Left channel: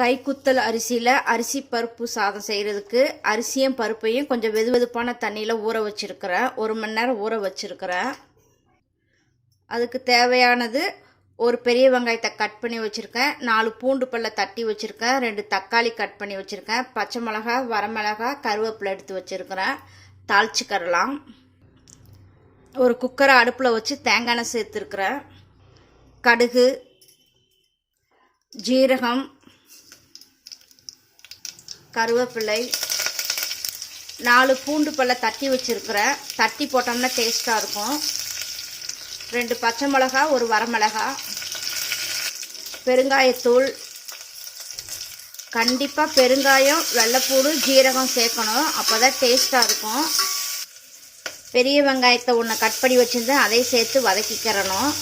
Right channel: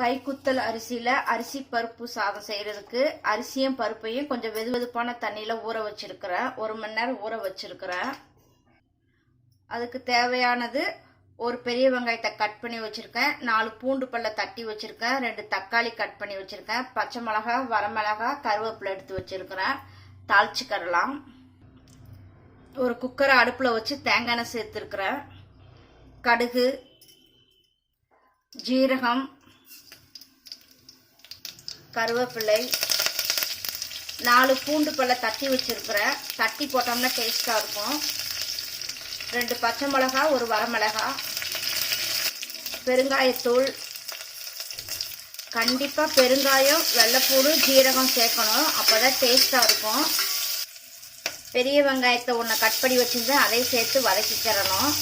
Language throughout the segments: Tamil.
கைக்குத்தல் அரிசியில் அரிசி பருப்பு சாதம் செய்கிறதுக்கு அரிசியும் பருப்பையும் கொஞ்சம் வெது வெதுப்பான தண்ணியில் ஊற வச்சுருக்கிறேன் ஒரு மணி நேரம் ஊற வச்சுருக்கிறேன் அதுக்கு தேவையானது ஒரு பெரிய வெங்காயத்தை கட் பண்ணி வச்சுருக்கேன். நாலு பூண்டு பல்ல தட்டி வச்சுருக்கேன். ரெண்டு தக்காளி கட் பண்ணி வச்சுருக்கேன். பச்சை மிளகா வரமிளகா கருவேப்பிலை எடுத்து வச்சுருக்கிறேன். தாளிச்சுக்கரலாம் ஒரு குக்கரை அடுப்பில் வச்சு தேங்காய் எண்ணெய் சேர்த்துருக்குறேன். கடுகு ஜீரகம் கருவேப்பிலை நாலு பூண்டு பல்ல தட்டி வச்சுருக்குறேன். தட்டி போட்டோம்னா டேஸ்ட்டாக இருக்கும். ரெண்டு பச்சை மிளகா ஒரு வரமிளகா பெருங்காயத்தூள். கண்டிப்பாக பெருங்காயம் வெள்ளைப்பூடு ஜீரகம் சேர்க்கணும். அப்போ தான் டேஸ்ட்டாக இருக்கும். பெரிய வெங்காயத்தை ஒன்று கட் பண்ணி வச்சுருந்தேன். அதை சேர்த்து வதக்கிக்கிறணும்.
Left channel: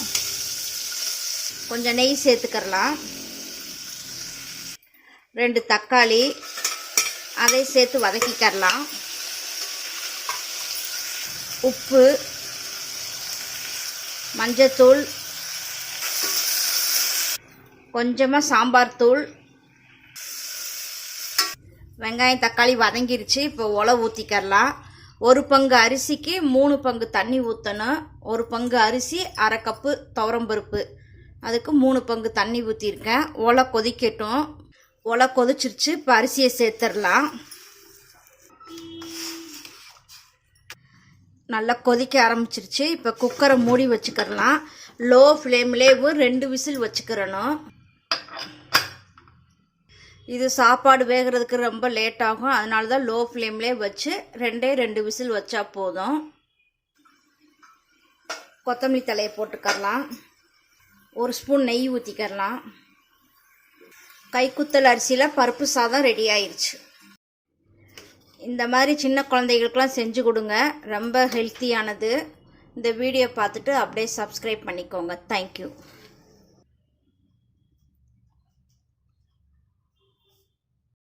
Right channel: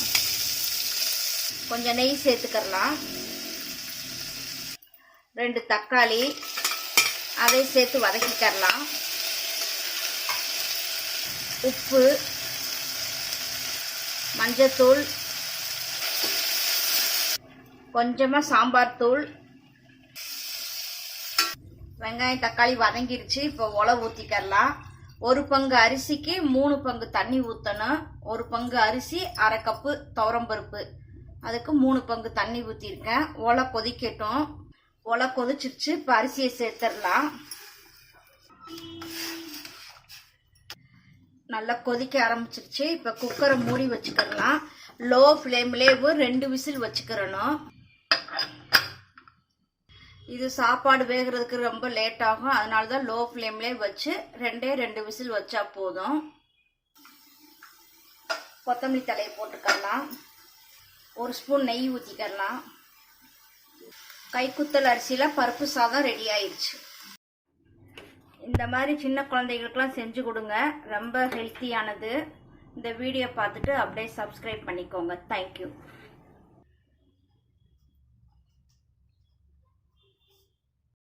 கொஞ்சம் நெய் சேர்த்துக்கிறலாம். ரெண்டு தக்காளி அதை சேர்த்து வதக்கிக்கிறலாம். உப்பு மஞ்சத்தூள் கொஞ்சமாக சாம்பார் தூள். வெங்காயம் தக்காளி வதங்கிருச்சு. இப்போ உலை ஊற்றிக்கிறலாம் ஒரு பங்கு அரிசிக்கு மூணு பங்கு தண்ணி ஊற்றணும் ஒரு பங்கு அரிசி அரை கப்பு துவரம்பருப்பு. அதுக்கு மூணு பங்கு தண்ணி ஊற்றிருக்கேன் ஒலை கொதிக்கட்டும். ஒலை கொதிச்சிருச்சு இப்போ அரிசியை சேர்த்துடலாம். நல்லா கொதிக்க ஆரம்பிச்சிருச்சு. இப்போ குக்கரை மூடி வச்சுக்கிறலாம் லோ ஃப்ளேம்லேயும் ரெண்டு விசில் வச்சுக்கிறணும் இது சாப்பாடு வேகிறதுக்கு ரொம்ப லேட் ஆகும். அதனால தான் லோ ஃப்ளேம்லேயே வச்சு ரெண்டே ரெண்டு விசில் வச்சா போதும். கொத்தமல்லி தலையை போட்டுக்கரலாம் ஒரு ஸ்பூன் நெய் ஊற்றிக்கரலாம் கைக்குத்தல் அரிசியில் பருப்பு சாதம் ரெடி ஆயிடுச்சு இந்த மாதிரி சின்ன குழந்தைகளுக்கெலாம் செஞ்சு கொடுங்க. ரொம்ப ஹெல்த்தியானது இந்த வீடியோ பார்த்துட்டு அப்படியே சப்ஸ்கிரைப் பண்ணிக்கோங்க. தேங்க்யூ